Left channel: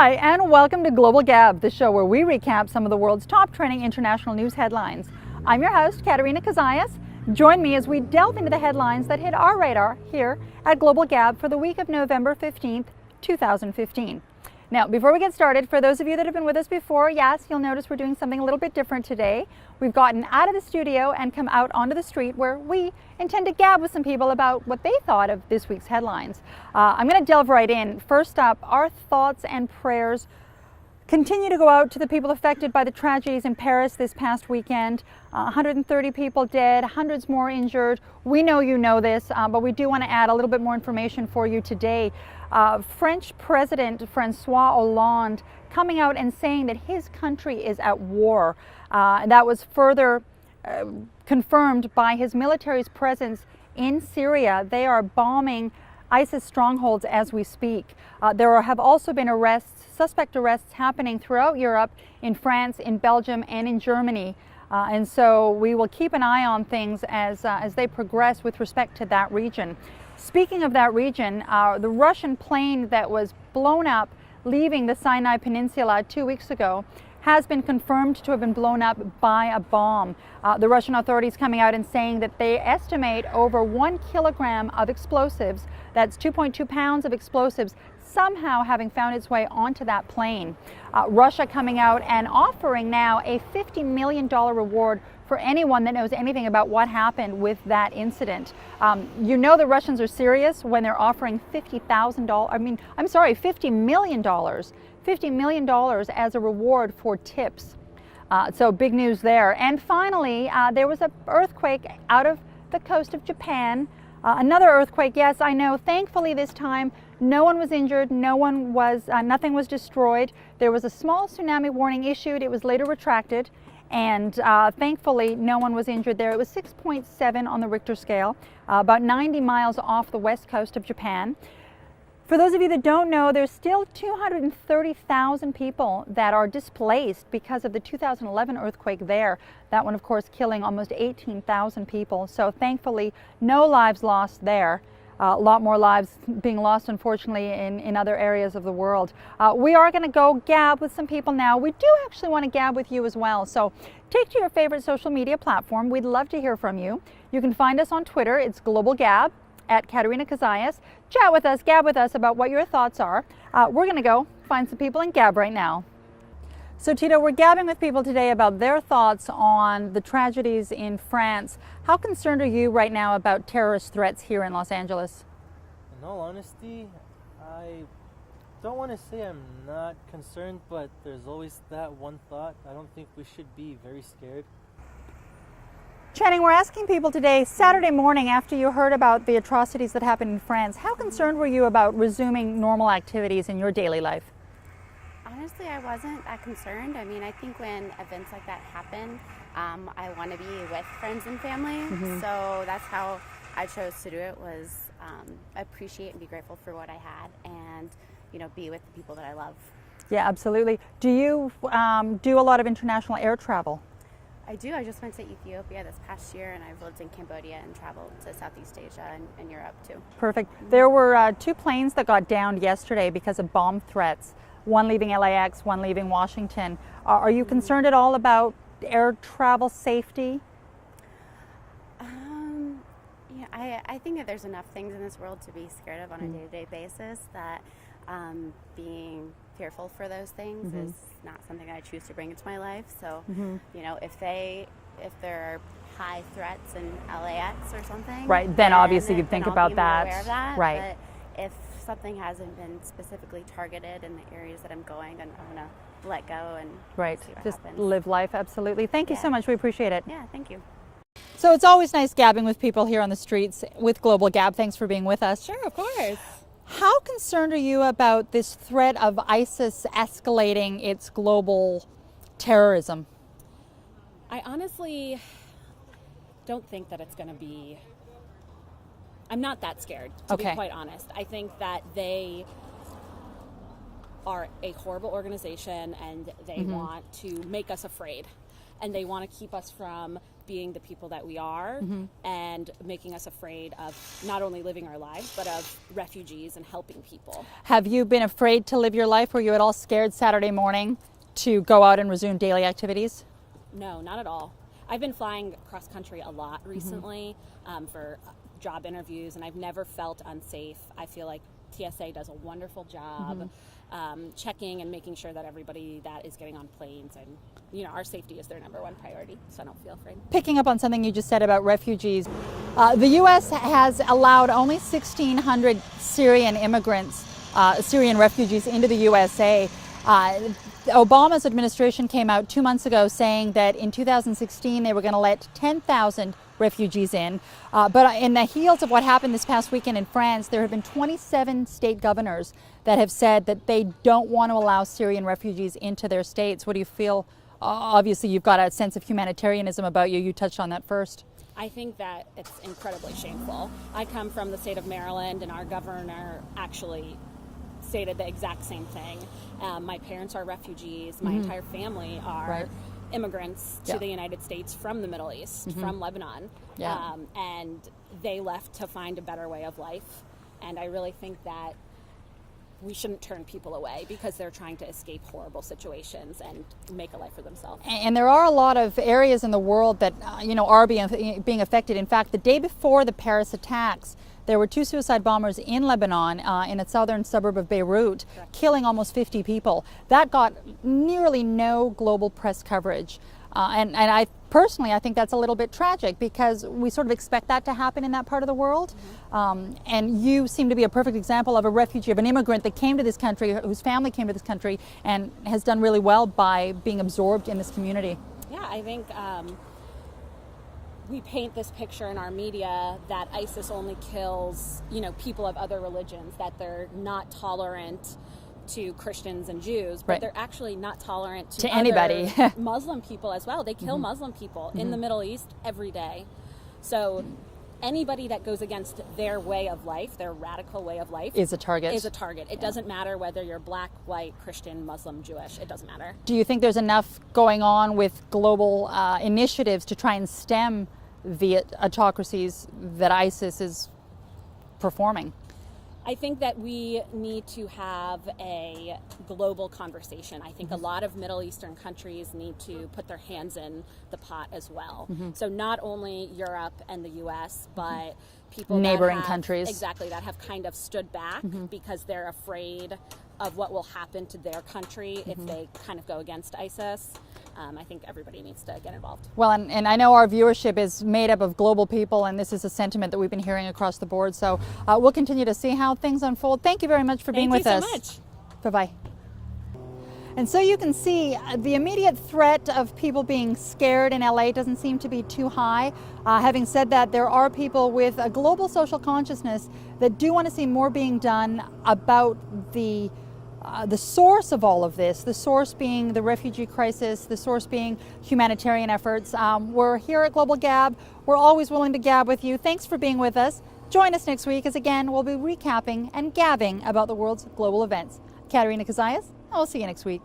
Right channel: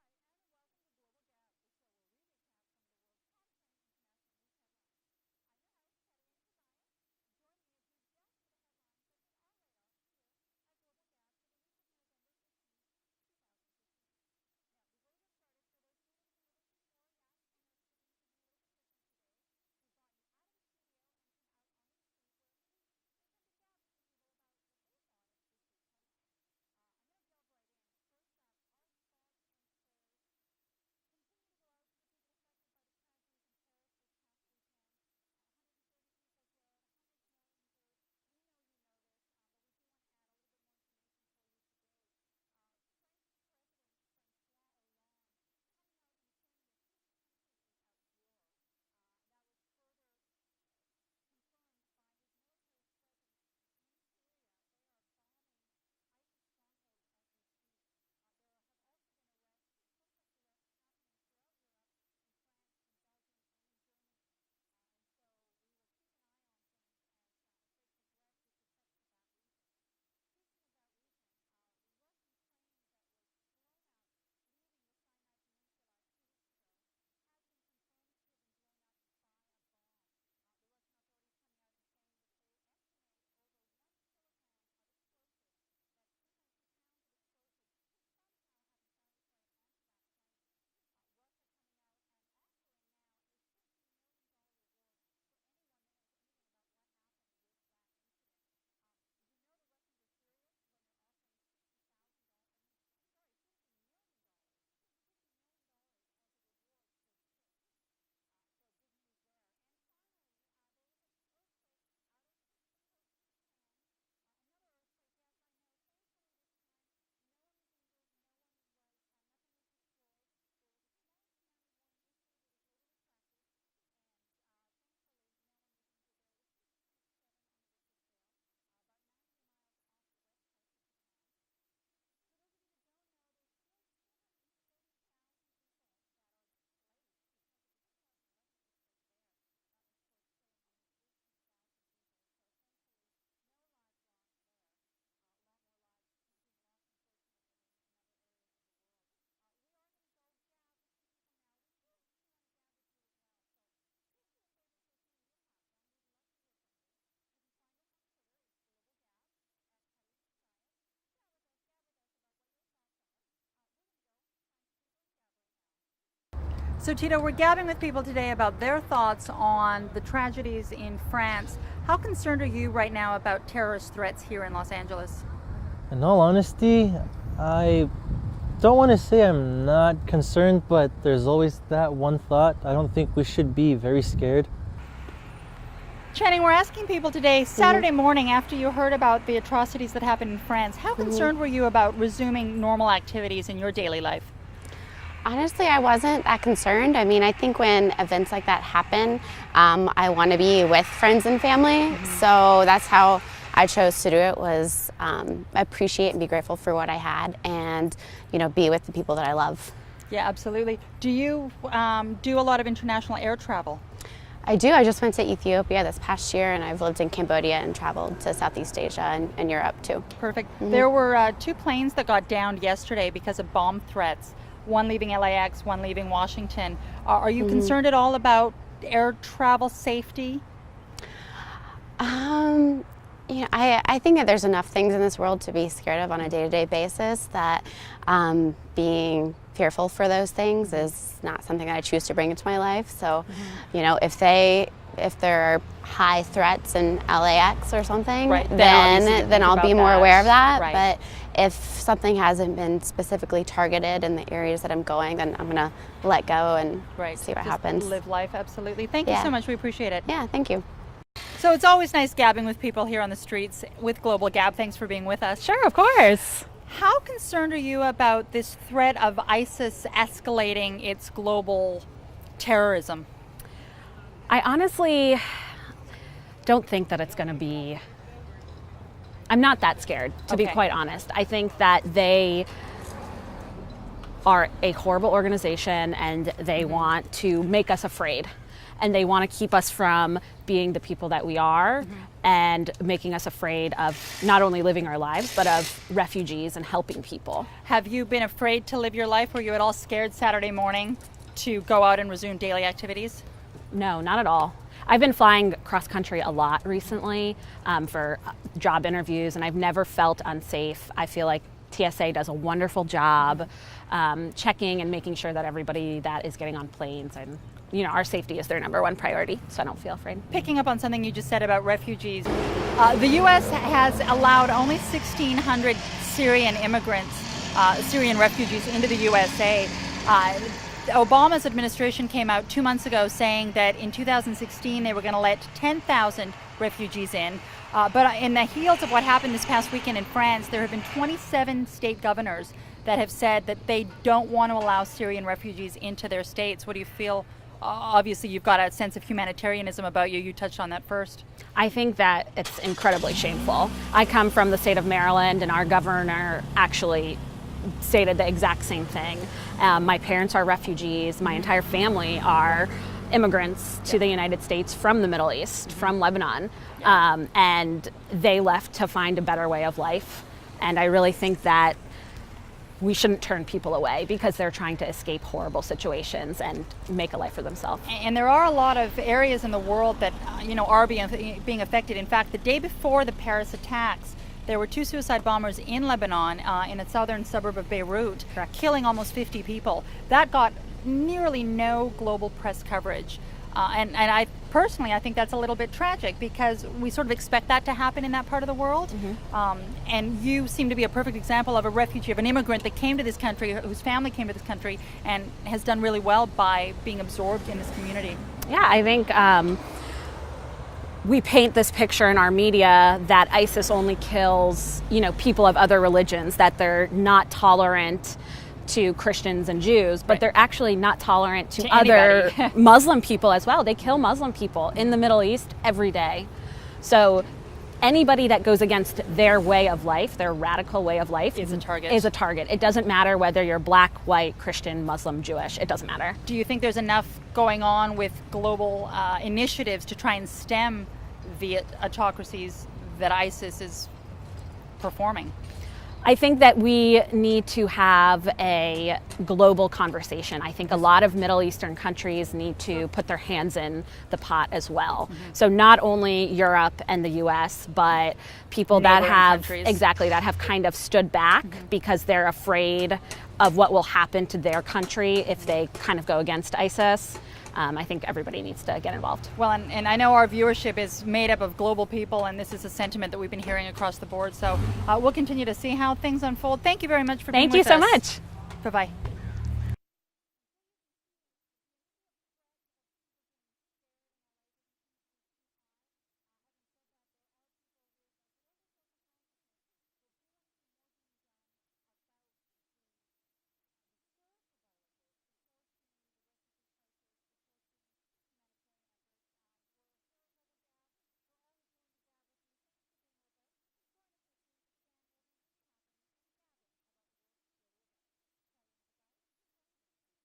Hi, and welcome to Global Gab, the show where we recap some of the world's top trending international news headlines. I'm your host, Katerina Kazayas. Join me as we delve into the headlines that hit our radar here at Global Gab for the week of November 15th, 2015. Now, before we get started, for those of you that have been with us before, yes, you'll notice we're doing something a little bit different today. We've gotten out of the studio and come out onto the street where we intend to gab with some people about what they thought of this week's headlines. I'm going to delve right in. First up, our thoughts and prayers continue to go out to the people affected by the tragedies in Paris this past weekend. 130 people dead, hundreds more injured. We know you know this, but we do want to add a little bit more information for you today. French President Francois Hollande coming out and saying that his country is at war. That was further confirmed by his military's presence in Syria. They are bombing ISIS strongholds as we speak. There have also been suspect arrests happening throughout Europe, in France, in Belgium, and in Germany. And so we will keep an eye on things as they progress with respect to that region. Speaking of that region, the Russian plane that was blown up leaving the Sinai Peninsula 2 weeks ago has been confirmed to have been blown up by a bomb. The Russian authorities coming out and saying that they estimate over 1 kilogram of explosives, that's 2.2 pounds of explosives, somehow having found its way onto that plane. Russia coming out and offering now a $50 million reward for anyone that knows anything about what happened with that incident. You know the Russians are serious when they're offering $50 million. $50 million as a reward for tips. So big news there. And finally, there was an earthquake out of the coast of Japan. Another earthquake, yes, I know. Thankfully this time, no one was injured, nothing was destroyed. There was a small tsunami warning issued. It was later retracted. And thankfully, no one was injured there. It was 6.7 on the Richter scale, about 90 miles off the west coast of Japan. For those of you that don't know, there's still 230,000 people that are displaced because of the 2011 earthquake there. That one, of course, killing almost 18,000 people. So thankfully, no lives lost there. A lot more lives being lost, unfortunately, in other areas of the world. We are going to go gab with some people now. We do actually want to gab with you as well. So take to your favorite social media platform. We'd love to hear from you. You can find us on Twitter. It's Global Gab at Katerina Kazayas. Chat with us, gab with us about what your thoughts are. We're going to go find some people and gab right now. So Tito, we're gabbing with people today about their thoughts on the tragedies in France. How concerned are you right now about terrorist threats here in Los Angeles? In all honesty, I don't want to say I'm not concerned, but there's always that one thought. I don't think we should be very scared. Channing, we're asking people today, Saturday morning after you heard about the atrocities that happened in France, how concerned were you about resuming normal activities in your daily life? Honestly, I wasn't that concerned. I mean, I think when events like that happen, I want to be with friends and family. So that's how I chose to do it, was appreciate and be grateful for what I had, and be with the people that I love. Yeah, absolutely. Do you do a lot of international air travel? I do. I just went to Ethiopia this past year, and I've lived in Cambodia and traveled to Southeast Asia and Europe too. Perfect. There were 2 planes that got downed yesterday because of bomb threats. One leaving LAX, one leaving Washington. Are you concerned at all about air travel safety? I think that there's enough things in this world to be scared of on a day-to-day basis, that being fearful for those things is not something that I choose to bring into my life. So, if there are high threats in LAX or something, then I'll be more aware of that. Right. But if something hasn't been specifically targeted in the areas that I'm going, then I'm going to let go and see what happens. Live life, absolutely. Thank you so much. We appreciate it. Yeah, thank you. So it's always nice gabbing with people here on the streets with Global Gab. Thanks for being with us. Sure, of course. How concerned are you about this threat of ISIS escalating its global terrorism? I honestly don't think that it's going to be... I'm not that scared, to be quite honest. I think that they are a horrible organization, and they want to make us afraid. and they want to keep us from being the people that we are and making us afraid of not only living our lives, but of refugees and helping people. Have you been afraid to live your life? Were you at all scared Saturday morning to go out and resume daily activities? No, not at all. I've been flying cross country a lot recently for job interviews, and I've never felt unsafe. I feel like TSA does a wonderful job checking and making sure that everybody that is getting on planes, and our safety is their number one priority, so I don't feel afraid. Picking up on something you just said about refugees, the U.S. has allowed only 1,600 Syrian immigrants, Syrian refugees into the USA. Obama's administration came out 2 months ago saying that in 2016 they were going to let 10,000 refugees in. But in the heels of what happened this past weekend in France, there have been 27 state governors that have said that they don't want to allow Syrian refugees into their states. What do you feel? Obviously, you've got a sense of humanitarianism about you. You touched on that first. I think that it's incredibly shameful. I come from the state of Maryland, and our governor actually stated the exact same thing. My parents are refugees. My entire family are immigrants to the United States from the Middle East, from Lebanon. And they left to find a better way of life. And I really think that we shouldn't turn people away because they're trying to escape horrible situations and make a life for themselves. And there are a lot of areas in the world that are being affected. In fact, the day before the Paris attacks, there were 2 suicide bombers in Lebanon, in the southern suburb of Beirut, killing almost 50 people. That got nearly no global press coverage. And I personally, I think that's a little bit tragic because we sort of expect that to happen in that part of the world. And you seem to be a perfect example of a refugee, of an immigrant that came to this country, whose family came to this country, and has done really well by being absorbed in this community. Yeah, I think we paint this picture in our media that ISIS only kills, people of other religions, that they're not tolerant to Christians and Jews, but they're actually not tolerant to other Muslim people as well. They kill Muslim people in the Middle East every day. So anybody that goes against their way of life, their radical way of life, is a target. It doesn't matter whether you're black, white, Christian, Muslim, Jewish. It doesn't matter. Do you think there's enough going on with global initiatives to try and stem the autocracies that ISIS is performing? I think that we need to have a global conversation. I think a lot of Middle Eastern countries need to put their hands in the pot as well. So not only Europe and the US, but people that have that have kind of stood back because they're afraid of what will happen to their country if they kind of go against ISIS. I think everybody needs to get involved. Well, and I know our viewership is made up of global people, and this is a sentiment that we've been hearing across the board. So we'll continue to see how things unfold. Thank you very much for being with us. Thank you so much. Bye-bye. And so you can see the immediate threat of people being scared in LA doesn't seem to be too high. Having said that, there are people with a global social consciousness that do want to see more being done about the source of all of this, the source being the refugee crisis, the source being humanitarian efforts. We're here at Global Gab. We're always willing to gab with you. Thanks for being with us. Join us next week as again we'll be recapping and gabbing about the world's global events. Katerina Kazayas, I'll see you next week.